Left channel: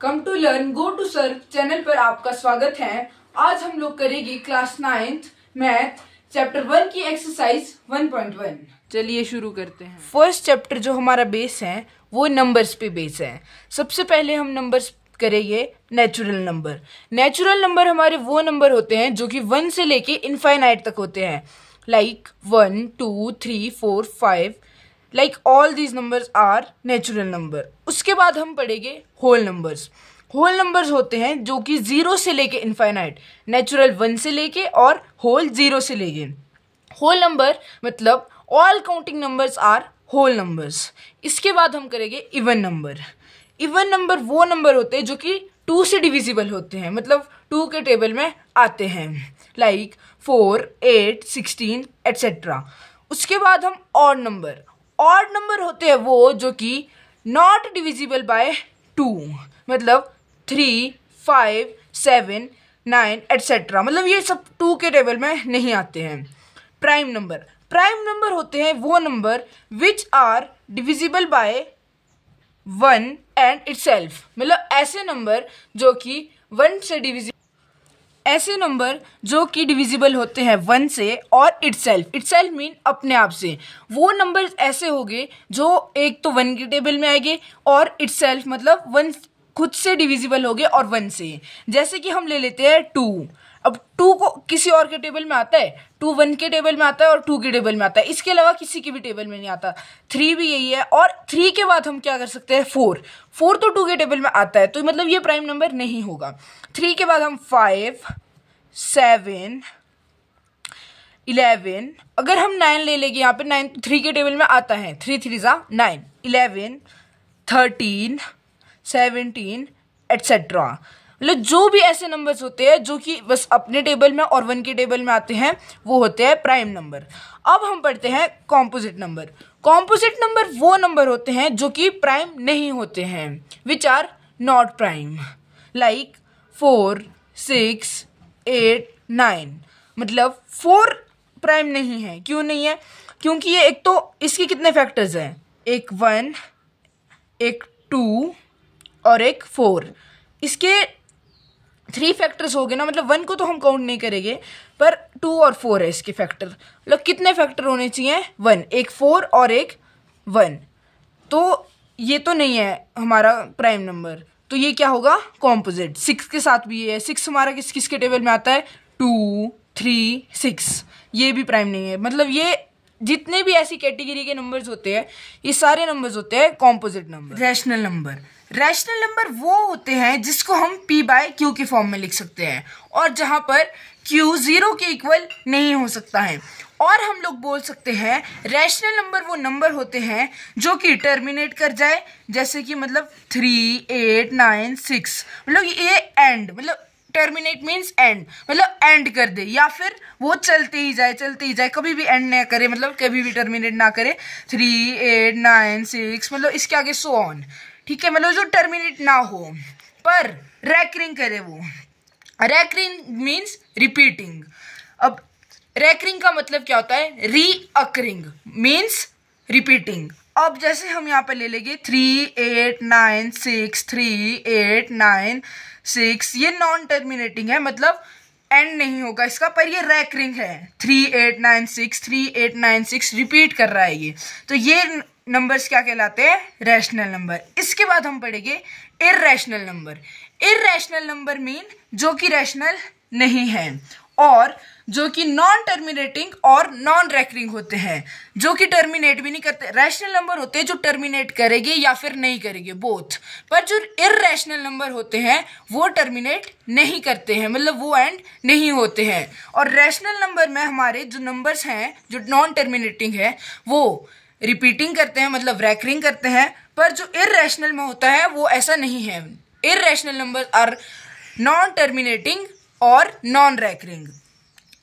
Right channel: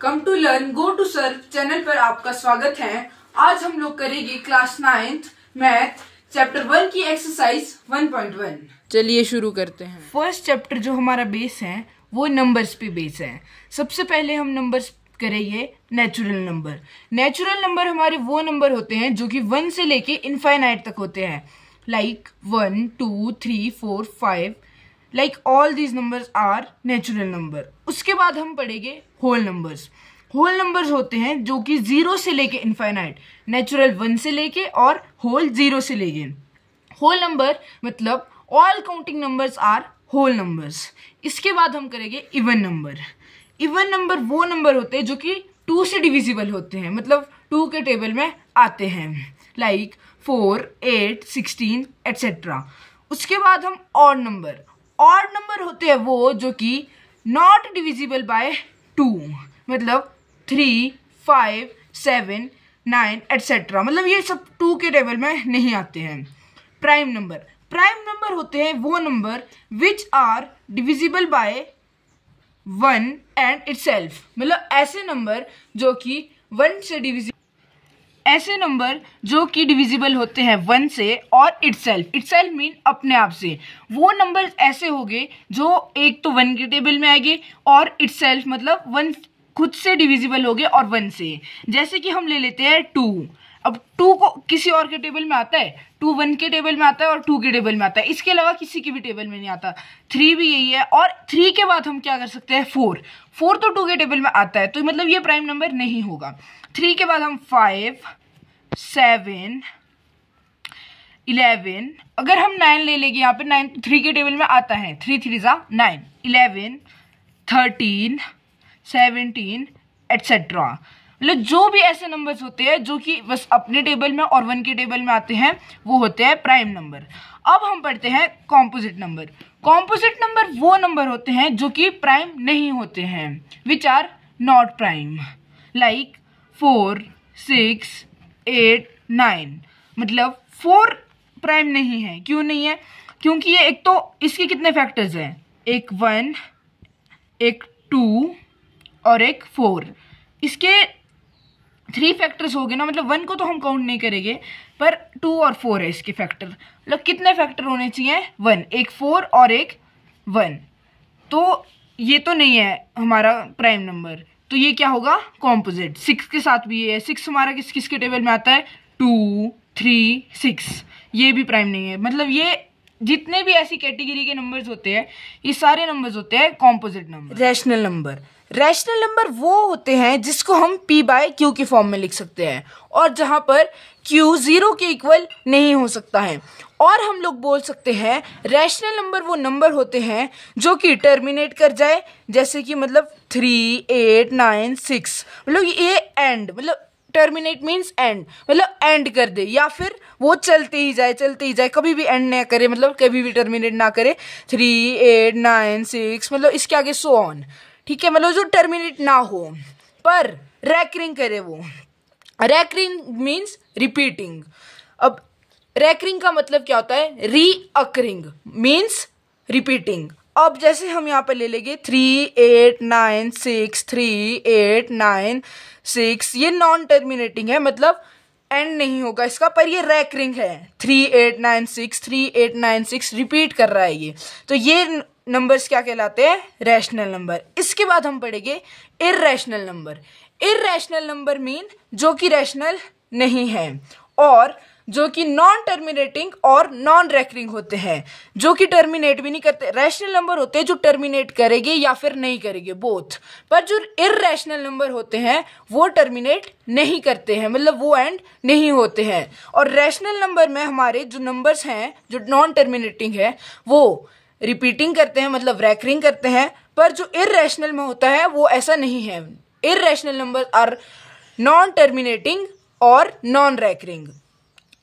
Come to learn go to serve channel पर आपका स्वागत है। आज हम लोग करेंगे क्लास 9th मैथ चैप्टर 1 की एक्सरसाइज 1.1। चलिए शुरू करते हैं। फर्स्ट चैप्टर जो हमारा बेस है वो नंबर्स पे बेस है। सबसे पहले हम नंबर्स करेंगे नेचुरल नंबर। नेचुरल नंबर हमारे वो नंबर होते हैं जो कि 1 से लेके इनफाइनाइट तक होते हैं, like 1 2 3 4 5, like all these numbers are natural number. उसके बाद हम पढ़ेंगे होल नंबर्स। होल नंबर्स होते हैं जो कि 0 से लेके इनफाइनाइट, नेचुरल 1 से लेके और होल 0 से लेके। होल नंबर मतलब all counting numbers are whole numbers. इसके बाद हम करेंगे इवन नंबर। इवन नंबर वो नंबर होते हैं जो कि 2 से डिविजिबल होते हैं, मतलब 2 के टेबल में आते हैं, लाइक 4 8 16 एटसेट्रा। उसके बाद हम ऑड नंबर। ऑड नंबर होते हैं वो जो कि नॉट डिविजिबल बाय 2, मतलब 3 5 7 9 एटसेट्रा, मतलब ये सब 2 के टेबल में नहीं आते हैं। Prime number. प्राइम नंबर होते हैं वो number which are divisible by 1 and itself, मतलब ऐसे नंबर जो कि 1 से डिविजिबल होते हैं 1 से और इटसेल्फ। इटसेल्फ मीन अपने आप से। वो नंबर ऐसे होंगे जो एक तो 1 के टेबल में आएंगे और इटसेल्फ मतलब 1 खुद से डिविजिबल होंगे और 1 से। जैसे कि हम ले लेते हैं 2। अब 2 को किसी और के टेबल में आता है, 2 1 के टेबल में आता है और 2 के टेबल में आता है, इसके अलावा किसी के भी टेबल में नहीं आता। 3 भी यही है, और 3 के बाद हम क्या कर सकते हैं 4। 4 तो 2 के टेबल में आता है, तो मतलब ये प्राइम नंबर नहीं होगा। 3 के बाद हम 5 7 11। अगर हम 9 ले लेंगे यहाँ पे, 9 3 के टेबल में आता है, 3 3 9 11 13 17 एटसेट्रा। मतलब जो भी ऐसे नंबर्स होते हैं जो कि बस अपने टेबल में और 1 के टेबल में आते हैं वो होते हैं प्राइम नंबर। अब हम पढ़ते हैं कॉम्पोजिट नंबर। कॉम्पोजिट नंबर वो नंबर होते हैं जो कि प्राइम नहीं होते हैं, which are not prime, like 4 6 8 9। मतलब 4 प्राइम नहीं है। क्यों नहीं है? क्योंकि ये एक तो इसके कितने फैक्टर्स हैं, एक 1 एक 2 और एक 4। इसके 3 फैक्टर्स हो गए ना, मतलब 1 को तो हम काउंट नहीं करेंगे, पर 2 और 4 है इसके फैक्टर। मतलब कितने फैक्टर होने चाहिए? 1, एक 4 और एक 1। तो ये तो नहीं है हमारा प्राइम नंबर, तो ये क्या होगा? कॉम्पोजिट। 6 के साथ भी है। 6 हमारा किस किस के टेबल में आता है? 2 3 6। ये भी प्राइम नहीं है। मतलब ये जितने भी ऐसी कैटेगरी के नंबर्स होते हैं ये सारे नंबर्स होते हैं composite number. Rational number. Rational number वो होते हैं जिसको हम p/q के फॉर्म में लिख सकते हैं, और जहां पर q 0 के इक्वल नहीं हो सकता है। और हम लोग बोल सकते हैं रैशनल नंबर वो नंबर होते हैं जो कि टर्मिनेट कर जाए, जैसे कि मतलब 3 8 9 6, मतलब ये एंड, मतलब टर्मिनेट मीन्स एंड, मतलब एंड कर दे, या फिर वो चलते ही जाए, कभी भी एंड ना करे, मतलब कभी भी टर्मिनेट ना करे। 3 8 9 6, मतलब इसके आगे सो ऑन, ठीक है, मतलब जो टर्मिनेट ना हो पर रैकरिंग करे वो। Recurring means repeating. अब रैकरिंग का मतलब क्या होता है? Recurring means repeating. अब जैसे हम यहाँ पे ले लेंगे 3 8 9 6 3 8 9 6, ये नॉन टर्मिनेटिंग है, मतलब एंड नहीं होगा इसका, पर ये रैकरिंग है। 3 8 9 6 3 8 9 6 रिपीट कर रहा है ये, तो ये नंबर्स क्या कहलाते हैं? Rational number. इसके बाद हम पढ़ेंगे irrational number. Irrational number mean जो कि रैशनल नहीं है और जो कि नॉन टर्मिनेटिंग और नॉन रैकरिंग होते हैं, जो कि टर्मिनेट भी नहीं करते। रैशनल नंबर होते हैं जो टर्मिनेट करेंगे या फिर नहीं करेंगे, बोथ। पर जो इररेशनल नंबर होते हैं वो टर्मिनेट नहीं करते हैं, मतलब वो एंड नहीं होते हैं। और रैशनल नंबर में हमारे जो नंबर्स हैं जो नॉन टर्मिनेटिंग है वो रिपीटिंग करते हैं, मतलब रैकरिंग करते हैं, पर जो इररेशनल में होता है वो ऐसा नहीं है। Irrational number are non terminating और नॉन रैकरिंग।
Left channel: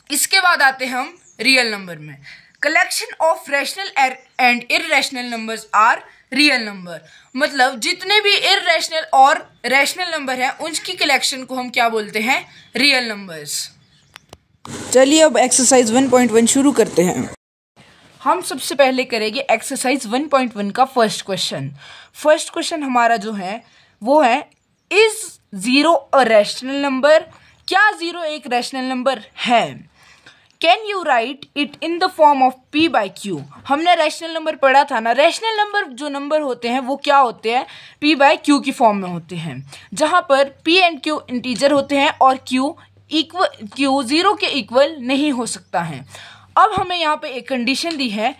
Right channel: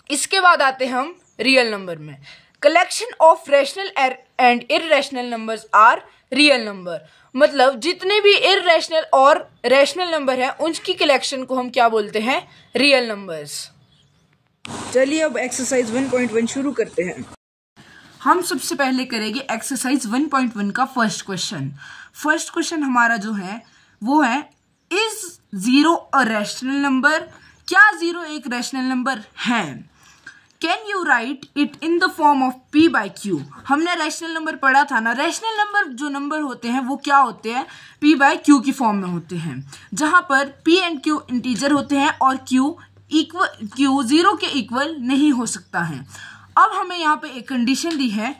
इसके बाद आते हम रियल नंबर में। Collection of rational and irrational numbers are real number. मतलब जितने भी इररेशनल और रैशनल नंबर है उनकी कलेक्शन को हम क्या बोलते हैं? Real numbers. चलिए अब एक्सरसाइज 1.1 शुरू करते हैं। हम सबसे पहले करेंगे एक्सरसाइज 1.1 का फर्स्ट क्वेश्चन। फर्स्ट क्वेश्चन हमारा जो है वो है इज 0 अ रैशनल नंबर? क्या 0 एक रैशनल नंबर है? Can you write it in the form of p by q? हमने रैशनल नंबर पढ़ा था ना, रैशनल नंबर जो नंबर होते हैं वो क्या होते हैं, p बाई q की फॉर्म में होते हैं, जहां पर p एंड q इंटीजर होते हैं और q 0 के इक्वल नहीं हो सकता है। अब हमें यहाँ पे एक कंडीशन दी है,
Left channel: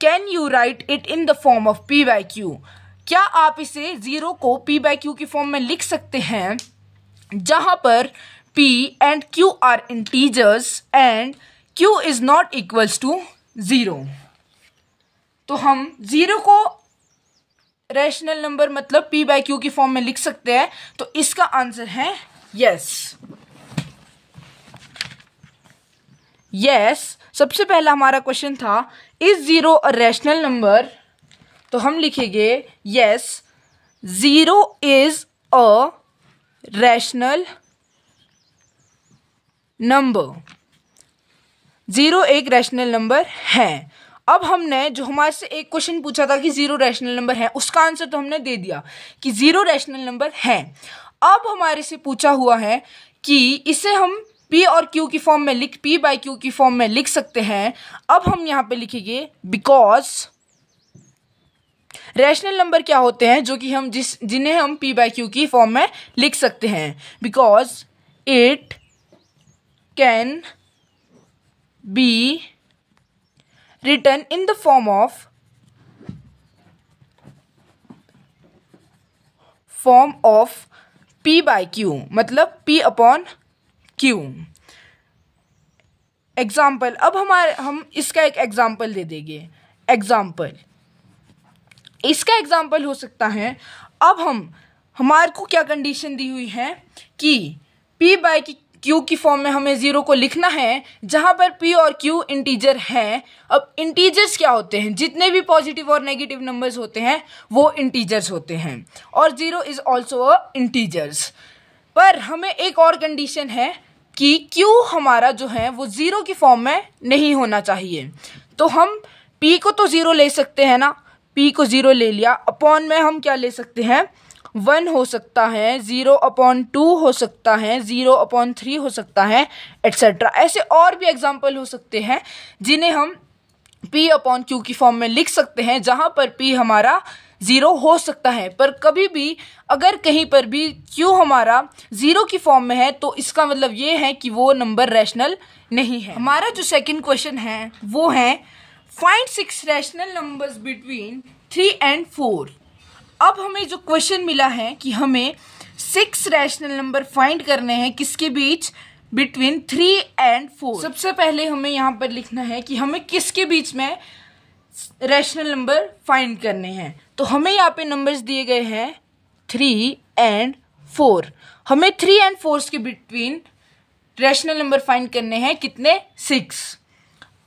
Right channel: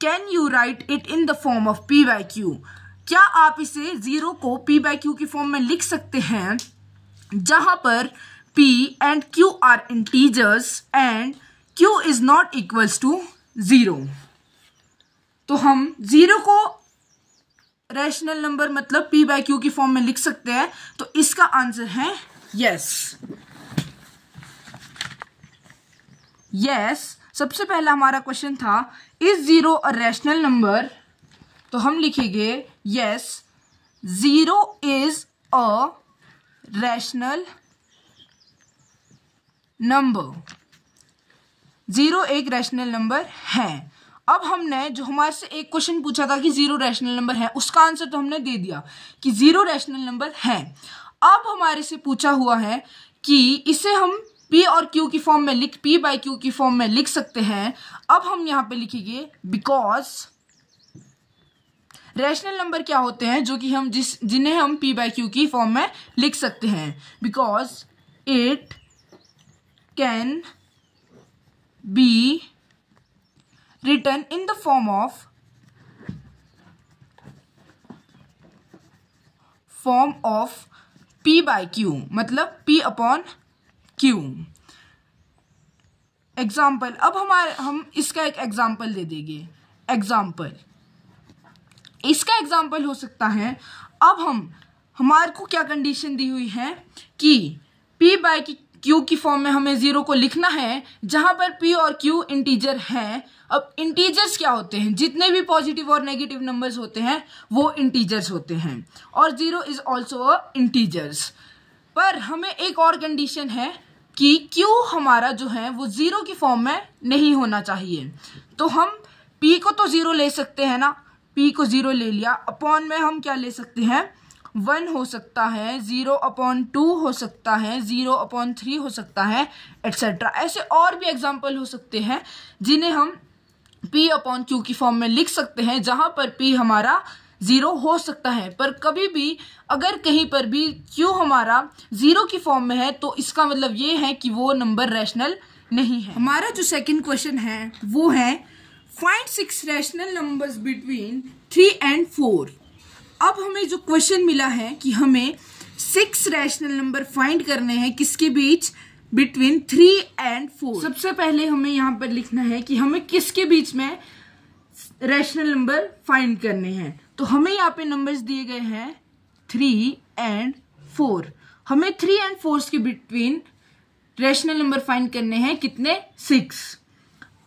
can you write it in the form of p by q? क्या आप इसे 0 को p बाई q की फॉर्म में लिख सकते हैं, जहां पर p and q are integers and q is not equals to 0? तो हम 0 को रैशनल नंबर मतलब p बाई q की फॉर्म में लिख सकते हैं, तो इसका आंसर है यस। यस, सबसे पहला हमारा क्वेश्चन था इज 0 अ रैशनल नंबर, तो हम लिखेंगे yes 0 is a rational number, 0 एक रैशनल नंबर है। अब हमने जो हमारे से एक क्वेश्चन पूछा था कि 0 रैशनल नंबर है, उसका आंसर तो हमने दे दिया कि 0 रैशनल नंबर है। अब हमारे से पूछा हुआ है कि इसे हम p और q की फॉर्म में p बाई q की फॉर्म में लिख सकते हैं। अब हम यहां पे लिखेंगे बिकॉज रैशनल नंबर क्या होते हैं जो कि हम जिन्हें हम p बाई q की फॉर्म में लिख सकते हैं, because it can be written in the form of p by q, मतलब p अपॉन q। एग्जाम्पल, अब हम इसका एक एग्जाम्पल दे देंगे। इसका एग्जाम्पल हो सकता है, अब हमारे को क्या कंडीशन दी हुई है कि p बाई q की फॉर्म में हमें 0 को लिखना है, जहां पर p और q इंटीजर हैं। अब इंटीजर्स क्या होते हैं, जितने भी पॉजिटिव और नेगेटिव नंबर्स होते हैं वो इंटीजर्स होते हैं, और 0 इज ऑल्सो अ इंटीजर्स। पर हमें एक और कंडीशन है कि q हमारा जो है वो 0 की फॉर्म में नहीं होना चाहिए। तो हम p को तो 0 ले सकते हैं ना, p को 0 ले लिया, अपॉन में हम क्या ले सकते हैं, 1 हो सकता है, 0 अपॉन 2 हो सकता है, 0 अपॉन 3 हो सकता है, एटसेट्रा। ऐसे और भी एग्जाम्पल हो सकते हैं जिन्हें हम p अपॉन q की फॉर्म में लिख सकते हैं, जहां पर p हमारा 0 हो सकता है। पर कभी भी अगर कहीं पर भी q हमारा 0 की फॉर्म में है तो इसका मतलब ये है कि वो नंबर रैशनल नहीं है। हमारा जो सेकंड क्वेश्चन है वो है find 6 rational numbers between 3 and 4। अब हमें जो क्वेश्चन मिला है कि हमें 6 रैशनल नंबर फाइंड करने हैं, किसके बीच, बिटवीन 3 एंड 4। सबसे पहले हमें यहाँ पर लिखना है कि हमें किसके बीच में रैशनल नंबर फाइंड करने हैं। तो हमें यहाँ पे नंबर्स दिए गए हैं 3 एंड 4। हमें 3 एंड 4 के बिटवीन रैशनल नंबर फाइंड करने हैं, कितने, 6।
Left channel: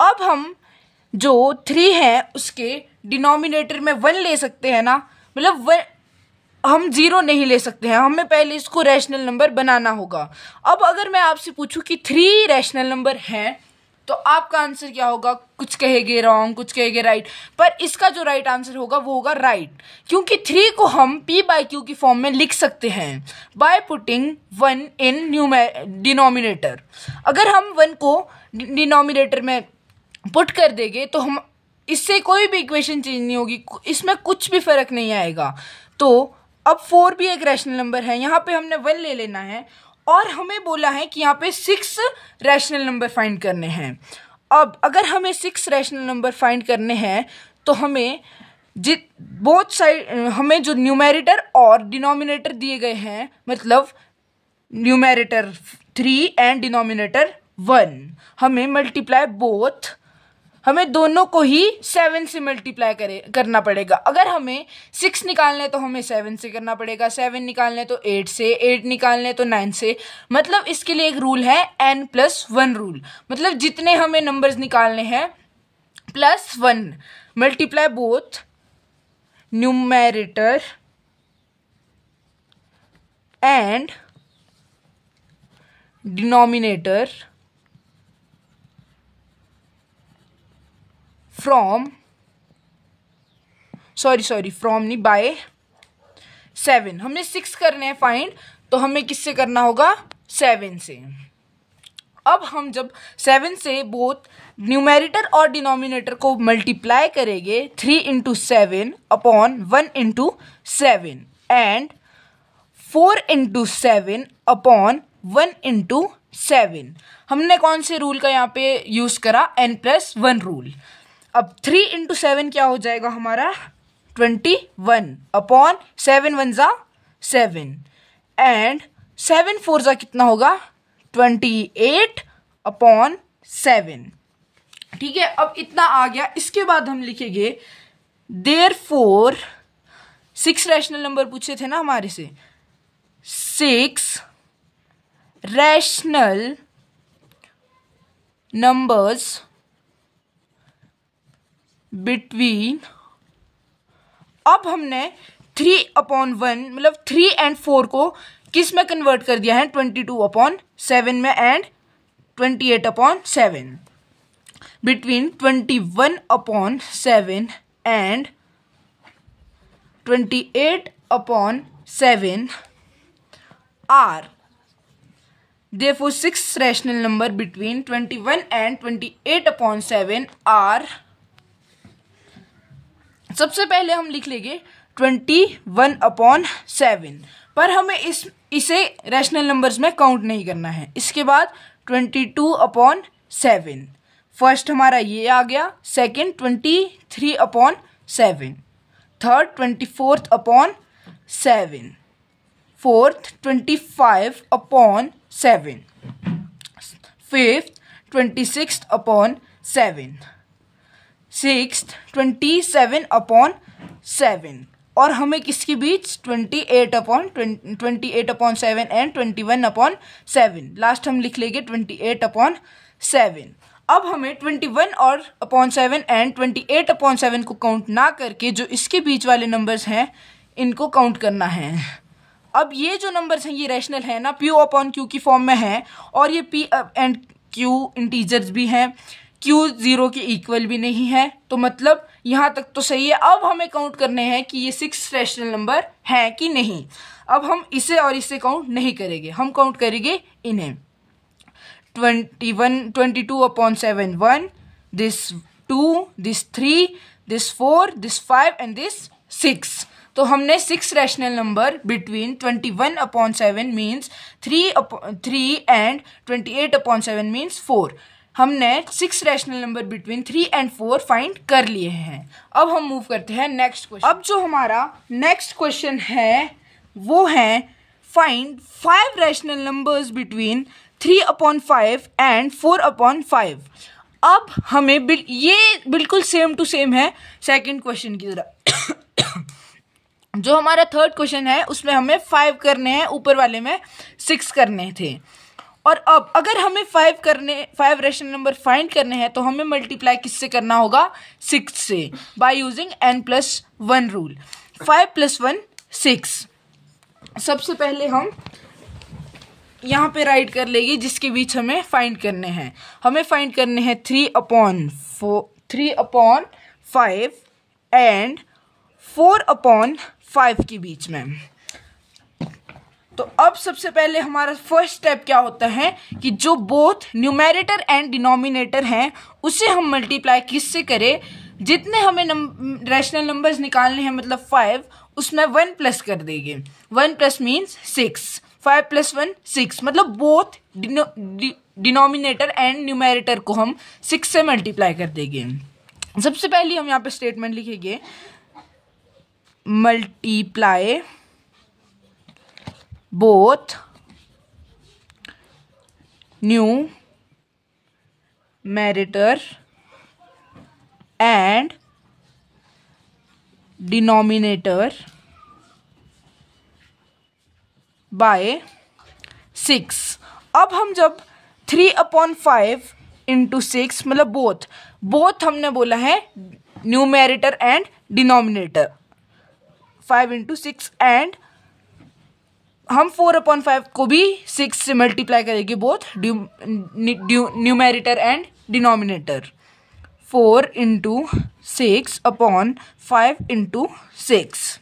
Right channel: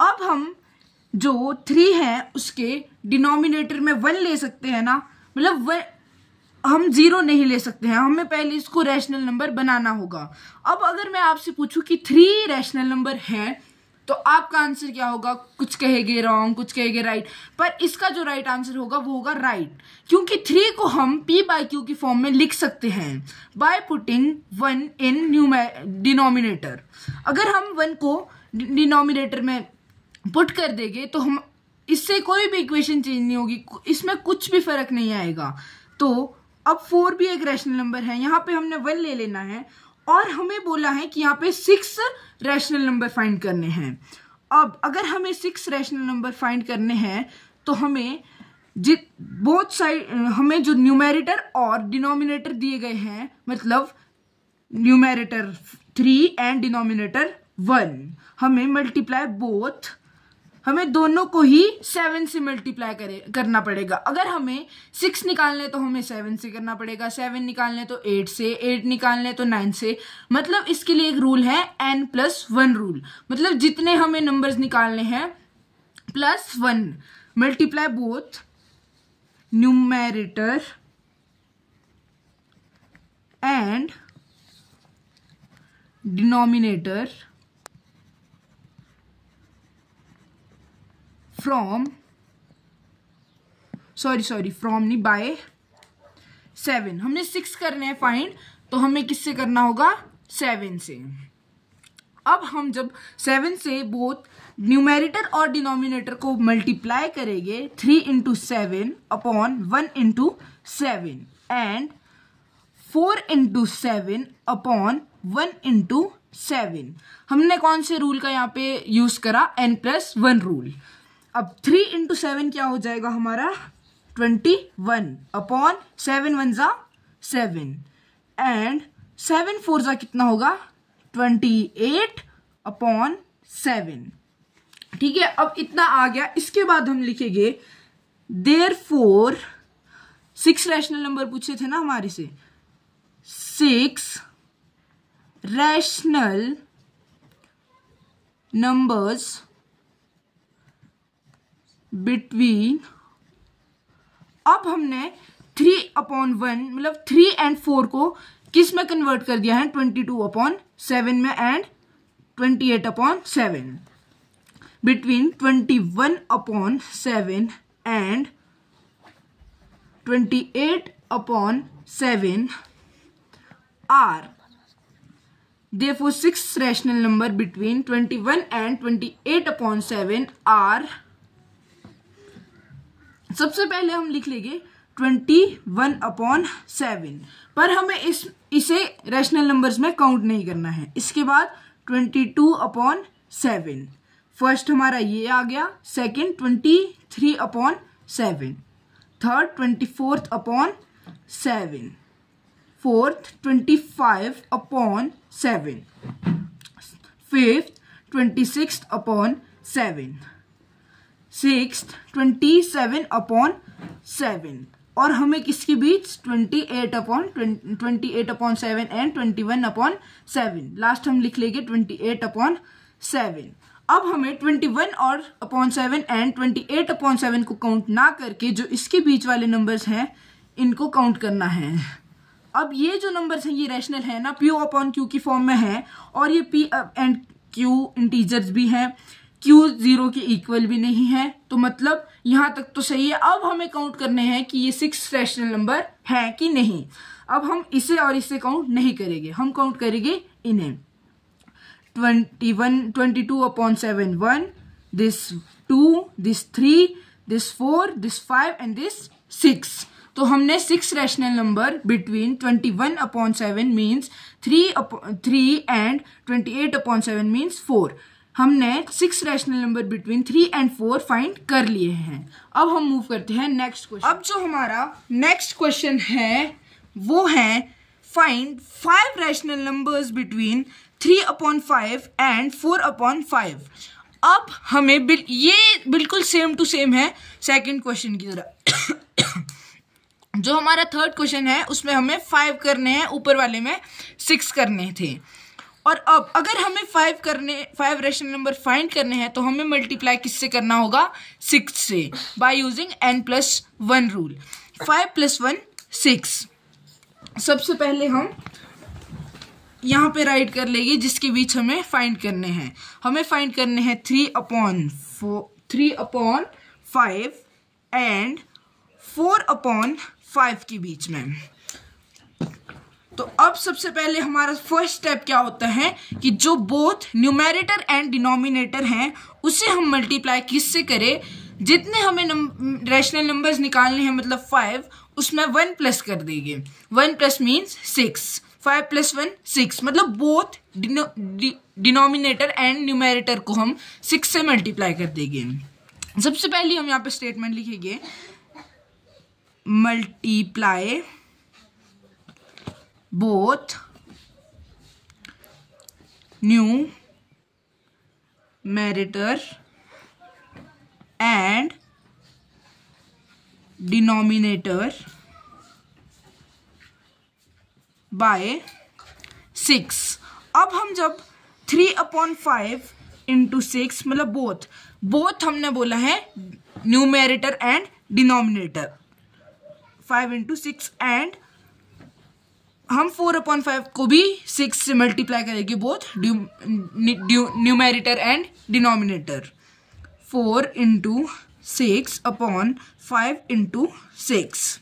अब हम जो 3 है उसके डिनोमिनेटर में 1 ले सकते हैं ना, मतलब हम 0 नहीं ले सकते हैं, हमें पहले इसको रैशनल नंबर बनाना होगा। अब अगर मैं आपसे पूछूं कि 3 रैशनल नंबर हैं तो आपका आंसर क्या होगा, कुछ कहेंगे रॉन्ग, कुछ कहेंगे राइट, पर इसका जो राइट आंसर होगा वो होगा राइट, क्योंकि 3 को हम p बाई q की फॉर्म में लिख सकते हैं बाय पुटिंग 1 इन डिनोमिनेटर। अगर हम 1 को डिनोमिनेटर में पुट कर देंगे तो हम इससे कोई भी इक्वेशन चेंज नहीं होगी, इसमें कुछ भी फर्क नहीं आएगा। तो अब 4 भी एक रैशनल नंबर है, यहाँ पे हमने 1 ले लेना है, और हमें बोला है कि यहाँ पे 6 रैशनल नंबर फाइंड करने हैं। अब अगर हमें 6 रैशनल नंबर फाइंड करने हैं तो हमें बोथ साइड हमें जो न्यूमेरेटर और डिनोमिनेटर दिए गए हैं, मतलब न्यूमेरेटर 3 एंड डिनोमिनेटर 1, हमें मल्टीप्लाई बोथ, हमें दोनों को ही 7 से मल्टीप्लाई करना पड़ेगा। अगर हमें 6 निकालने तो हमें 7 से करना पड़ेगा, 7 निकालने तो 8 से, 8 निकालने तो 9 से। मतलब इसके लिए एक रूल है n+1 रूल, मतलब जितने हमें नंबर्स निकालने हैं +1 multiply both numerator and denominator from नहीं, बाय 7, हमने 6 करने हैं फाइंड, तो हमें किससे करना होगा? 7 से। अब हम जब 7 से बोथ न्यूमेरेटर और डिनोमिनेटर को मल्टीप्लाई करेंगे, 3 into 7 upon 1 into 7 and 4 into 7 upon 1 into 7। हमने कौन से रूल का यहाँ पे यूज करा? n+1 rule. अब 3 इंटू 7 क्या हो जाएगा हमारा? 21 अपॉन 7 1 जा 7 एंड 7 4 जा कितना होगा? 28 अपॉन 7। ठीक है, अब इतना आ गया। इसके बाद हम लिखेंगे देयरफॉर 6 रैशनल नंबर पूछे थे ना हमारे से, 6 रैशनल नंबर्स बिटवीन, अब हमने 3/1 मतलब 3 and 4 को किस में कन्वर्ट कर दिया है? 22/7 में and 28/7 between 21/7 and 28/7 are therefore 6 rational number between 21 and 28/7 are, सबसे पहले हम लिख लेंगे 21/7, पर हमें इसे रैशनल नंबर्स में काउंट नहीं करना है। इसके बाद 22/7, फर्स्ट हमारा ये आ गया, second 23/7, third 24/7, fourth 25/7, fifth 26/7, sixth 27/7 और हमें किसके बीच? 28/7 एंड 21/7। लास्ट हम लिख लेंगे 28/7। अब हमें 21/7 एंड 28/7 को काउंट ना करके जो इसके बीच वाले नंबर्स हैं इनको काउंट करना है। अब ये जो नंबर्स हैं ये रैशनल है ना, P/Q की फॉर्म में है और ये P एंड Q इंटीजर्स भी हैं, Q 0 के इक्वल भी नहीं है, तो मतलब यहाँ तक तो सही है। अब हमें काउंट करने हैं कि ये 6 रैशनल नंबर हैं कि नहीं। अब हम इसे और इसे काउंट नहीं करेंगे, हम काउंट करेंगे इन्हें। 22/7 1, this 2, this 3, this 4, this 5 and this 6। तो हमने 6 rational number between 21/7 means 3 and 28/7 means 4। हमने 6 rational number between 3 and 4 find कर लिए हैं। अब हम मूव करते हैं नेक्स्ट क्वेश्चन। अब जो हमारा नेक्स्ट क्वेश्चन है वो है find 5 rational numbers between 3/5 and 4/5। अब हमें ये बिल्कुल सेम टू सेम है सेकंड क्वेश्चन की तरह। जो हमारा थर्ड क्वेश्चन है उसमें हमें 5 करने हैं, ऊपर वाले में 6 करने थे। और अब अगर हमें 5 रैशनल नंबर फाइंड करने हैं तो हमें मल्टीप्लाई किससे करना होगा? 6 से, बाय यूजिंग n+1 रूल। 5 + 1 6। सबसे पहले हम यहाँ पे राइट कर लेंगे जिसके बीच हमें फाइंड करने हैं। हमें फाइंड करने हैं 3/5 एंड 4/5 के बीच में। तो अब सबसे पहले हमारा फर्स्ट स्टेप क्या होता है कि जो बोथ न्यूमेरेटर एंड डिनोमिनेटर हैं उसे हम मल्टीप्लाई किससे करें? जितने हमें रैशनल नंबर्स निकालने हैं मतलब 5, उसमें 1 प्लस कर देंगे। 1 प्लस मीन्स 6, 5 + 1 6, मतलब बोथ डिनोमिनेटर एंड न्यूमेरेटर को हम 6 से मल्टीप्लाई कर देंगे। सबसे पहले हम यहाँ पे स्टेटमेंट लिखेंगे multiply both numerator and denominator by 6। अब हम जब 3/5 इंटू 6 मतलब बोथ हमने बोला है numerator and denominator, 5 into 6 and हम 4/5 को भी 6 से मल्टीप्लाई करेंगे both numerator and denominator. 4 into 6/5 into 6।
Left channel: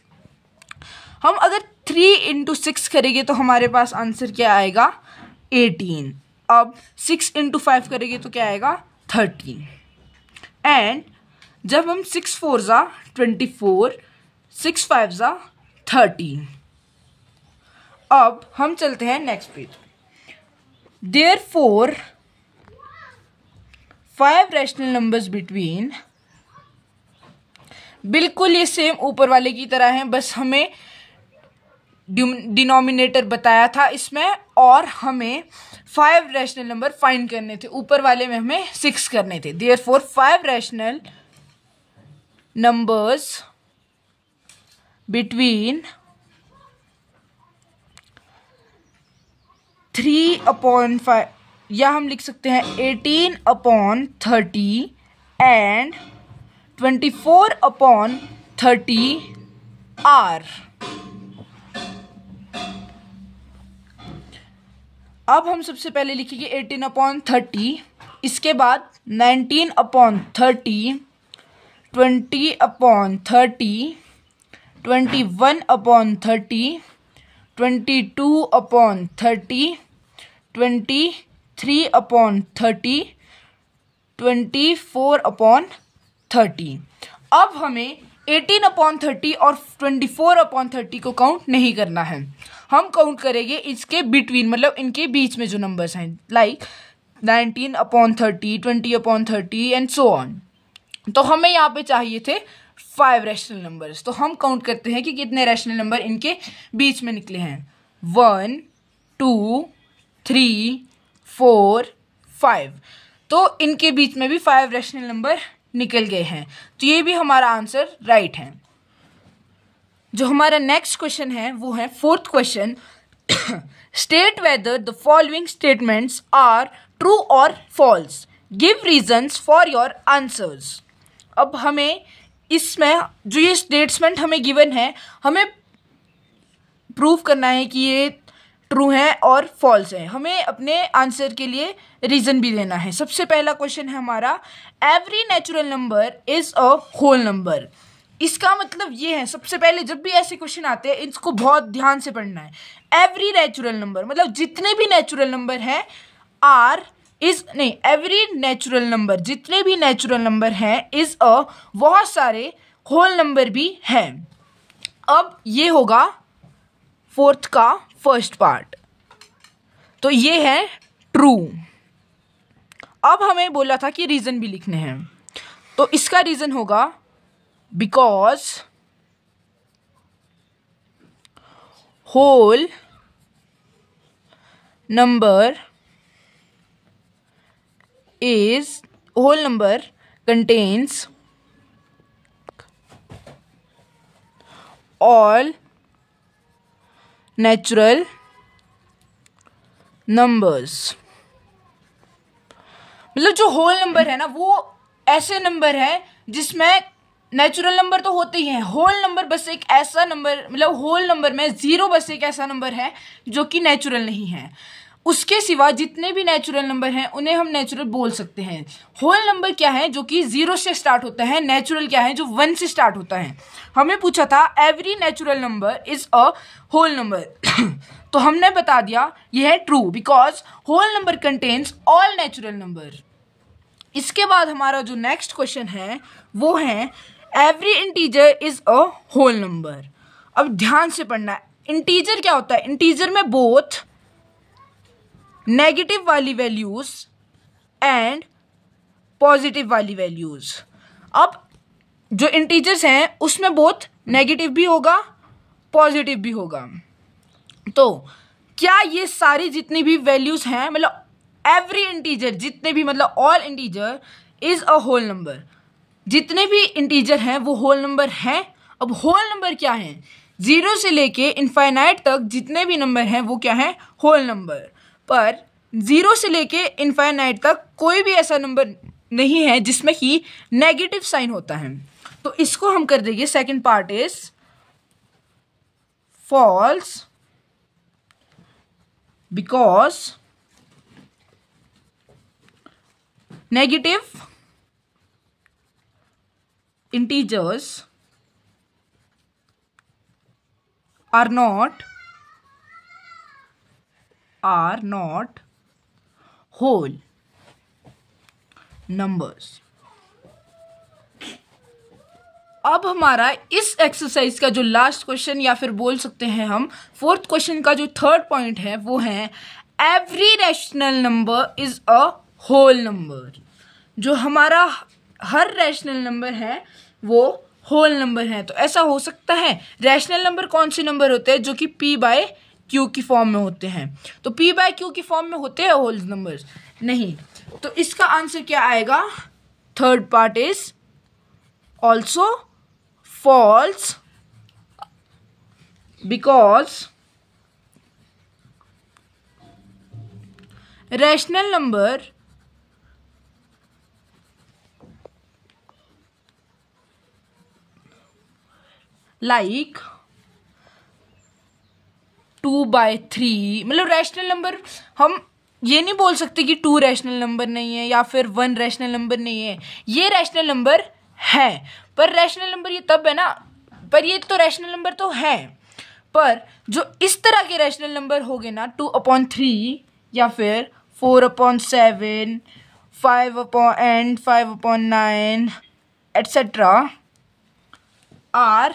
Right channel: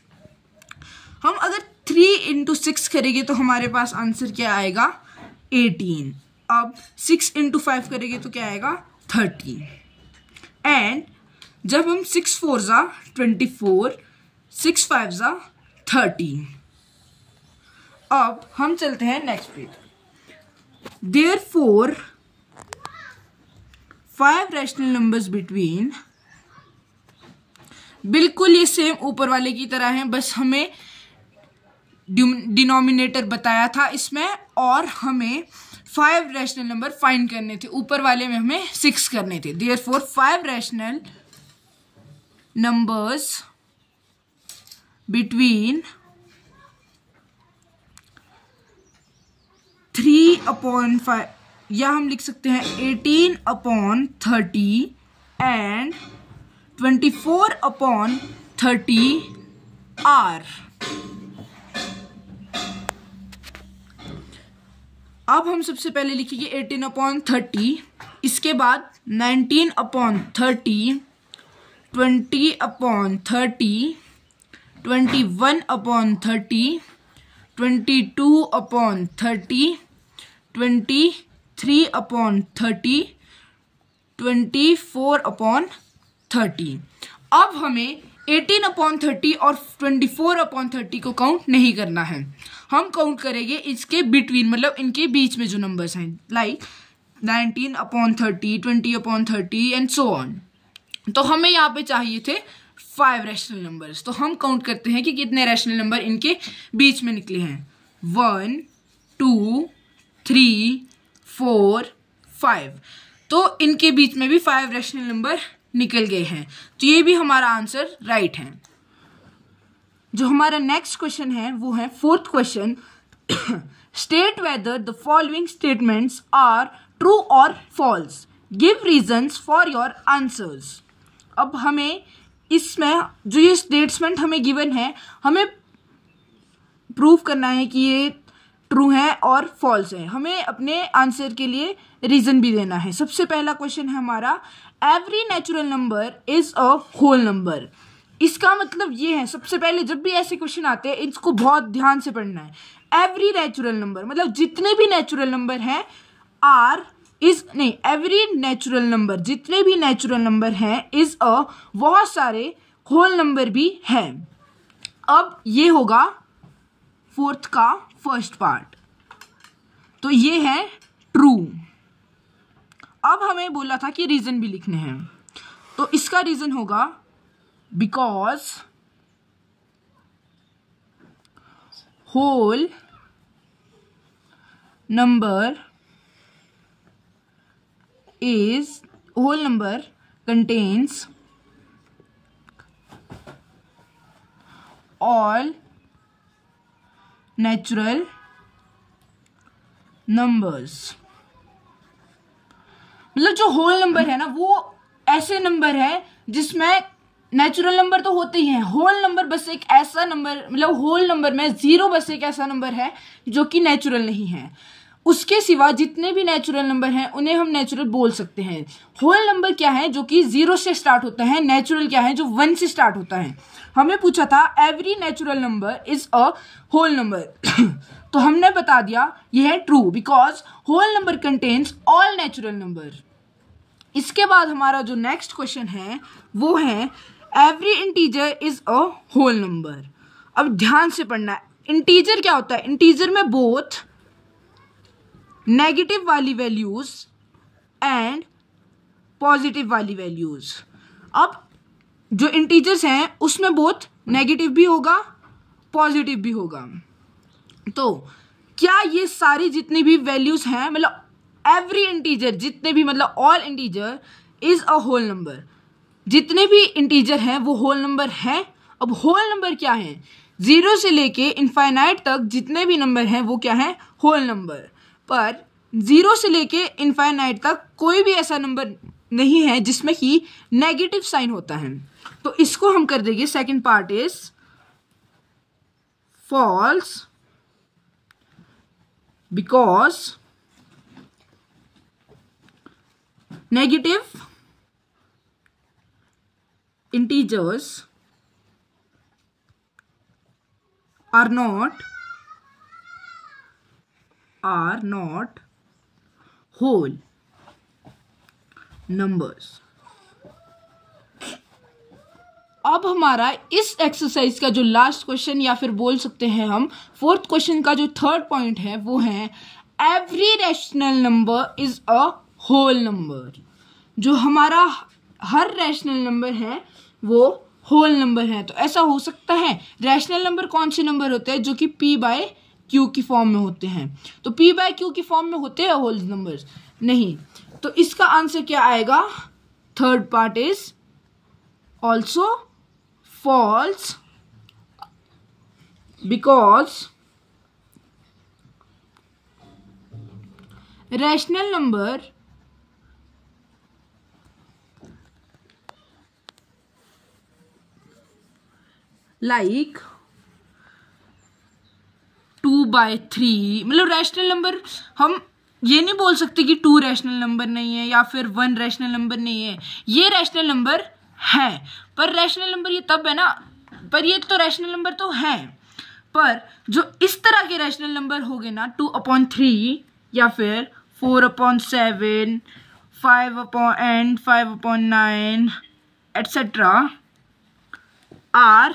हम अगर 3 इंटू 6 करेंगे तो हमारे पास आंसर क्या आएगा 18। अब 6 इंटू 5 करेंगे तो क्या आएगा 30। एंड जब हम 6 4 ज़ा 24, 6 5 ज़ा 30। अब हम चलते हैं next page. Therefore 5 rational numbers between, बिल्कुल ये सेम ऊपर वाले की तरह है, बस हमें डिनोमिनेटर बताया था इसमें और हमें 5 रैशनल नंबर फाइंड करने थे। ऊपर वाले में हमें 6 करने थे। Therefore 5 रैशनल नंबर्स बिटवीन 3/5 या हम लिख सकते हैं 18/30 एंड 24/30 आर। अब हम सबसे पहले लिखेंगे 18/30, इसके बाद 19/30, 20/30, 21/30, 22/30, 23/30, 24/30। अब हमें 18/30 और 24/30 को काउंट नहीं करना है, हम काउंट करेंगे इसके बिटवीन, मतलब इनके बीच में जो नंबर्स हैं, लाइक 19/30, 20/30 एंड सो ऑन। तो हमें यहाँ पे चाहिए थे 5 रैशनल नंबर्स। तो हम काउंट करते हैं कि कितने रैशनल नंबर इनके बीच में निकले हैं। 1 2 3 4 5। तो इनके बीच में भी 5 रैशनल नंबर निकल गए हैं, तो ये भी हमारा आंसर राइट है। जो हमारा नेक्स्ट क्वेश्चन है वो है 4th question. State whether the following statements are true और false, give reasons for your answers. अब हमें इसमें जो ये स्टेटमेंट हमें गिवन है, हमें प्रूव करना है कि ये ट्रू है और फॉल्स है। हमें अपने आंसर के लिए रीजन भी देना है। सबसे पहला क्वेश्चन है हमारा, every natural number is a whole number. इसका मतलब ये है, सबसे पहले जब भी ऐसे क्वेश्चन आते हैं इसको बहुत ध्यान से पढ़ना है। एवरी नेचुरल नंबर मतलब जितने भी नेचुरल नंबर हैं, आर इज नहीं, एवरी नेचुरल नंबर जितने भी नेचुरल नंबर हैं इज अ, बहुत सारे होल नंबर भी हैं। अब ये होगा 4th का फर्स्ट पार्ट, तो ये है ट्रू। अब हमें बोला था कि रीजन भी लिखने हैं, तो इसका रीजन होगा because whole number contains all natural numbers। मतलब जो होल नंबर है ना, वो ऐसे नंबर है जिसमें नेचुरल नंबर तो होते ही हैं, होल नंबर बस एक ऐसा नंबर, मतलब होल नंबर में 0 बस एक ऐसा नंबर है जो कि नेचुरल नहीं है। उसके सिवा जितने भी नेचुरल नंबर हैं उन्हें हम नेचुरल बोल सकते हैं। होल नंबर क्या है, जो कि 0 से स्टार्ट होता है। नेचुरल क्या है, जो 1 से स्टार्ट होता है। हमें पूछा था every natural number is a whole number, तो हमने बता दिया यह है true, because whole number contains all natural number. इसके बाद हमारा जो नेक्स्ट क्वेश्चन है वो है every integer is a whole number. अब ध्यान से पढ़ना है, इंटीजर क्या होता है। इंटीजर में बोथ नेगेटिव वाली वैल्यूज एंड पॉजिटिव वाली वैल्यूज। अब जो इंटीजर्स हैं उसमें बोथ नेगेटिव भी होगा पॉजिटिव भी होगा। तो क्या ये सारी जितनी भी वैल्यूज हैं, मतलब एवरी इंटीजर जितने भी, मतलब all integer is a whole number, जितने भी इंटीजर हैं वो होल नंबर हैं। अब होल नंबर क्या है, 0 से लेके इनफाइनाइट तक जितने भी नंबर हैं वो क्या है, होल नंबर। पर 0 से लेके इनफाइनाइट तक कोई भी ऐसा नंबर नहीं है जिसमें कि नेगेटिव साइन होता है। तो इसको हम कर देंगे, second part is false because negative integers are not whole numbers. अब हमारा इस एक्सरसाइज का जो लास्ट क्वेश्चन या फिर बोल सकते हैं हम फोर्थ क्वेश्चन का जो थर्ड पॉइंट है वो है every rational number is a whole number. जो हमारा हर रैशनल नंबर है वो होल नंबर है। तो ऐसा हो सकता है, रैशनल नंबर कौन से नंबर होते हैं जो कि p बाय क्यू की फॉर्म में होते हैं? तो p बाय क्यू की फॉर्म में होते हैं होल नंबर्स? नहीं। तो इसका आंसर क्या आएगा? Third part is also false because rational number like 2/3, मतलब रैशनल नंबर हम ये नहीं बोल सकते कि 2 रैशनल नंबर नहीं है या फिर 1 रैशनल नंबर नहीं है। ये रैशनल नंबर है, पर रैशनल नंबर ये तब है ना, पर ये तो रैशनल नंबर तो है, पर जो इस तरह के रैशनल नंबर हो गए ना 2/3 या फिर 4/7, 5/9 एटसेट्रा आर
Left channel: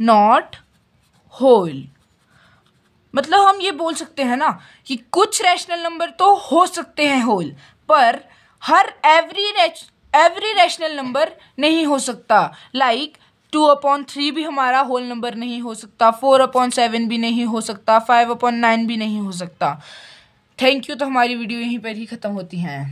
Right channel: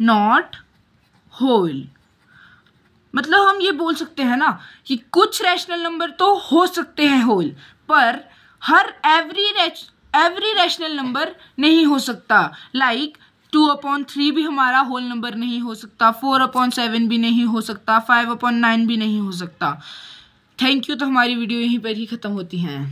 नॉट होल। मतलब हम ये बोल सकते हैं ना कि कुछ रैशनल नंबर तो हो सकते हैं होल, पर हर एवरी रैशनल नंबर नहीं हो सकता। लाइक 2/3 भी हमारा होल नंबर नहीं हो सकता, 4/7 भी नहीं हो सकता, 5/9 भी नहीं हो सकता। Thank you. तो हमारी वीडियो यहीं पर ही खत्म होती है।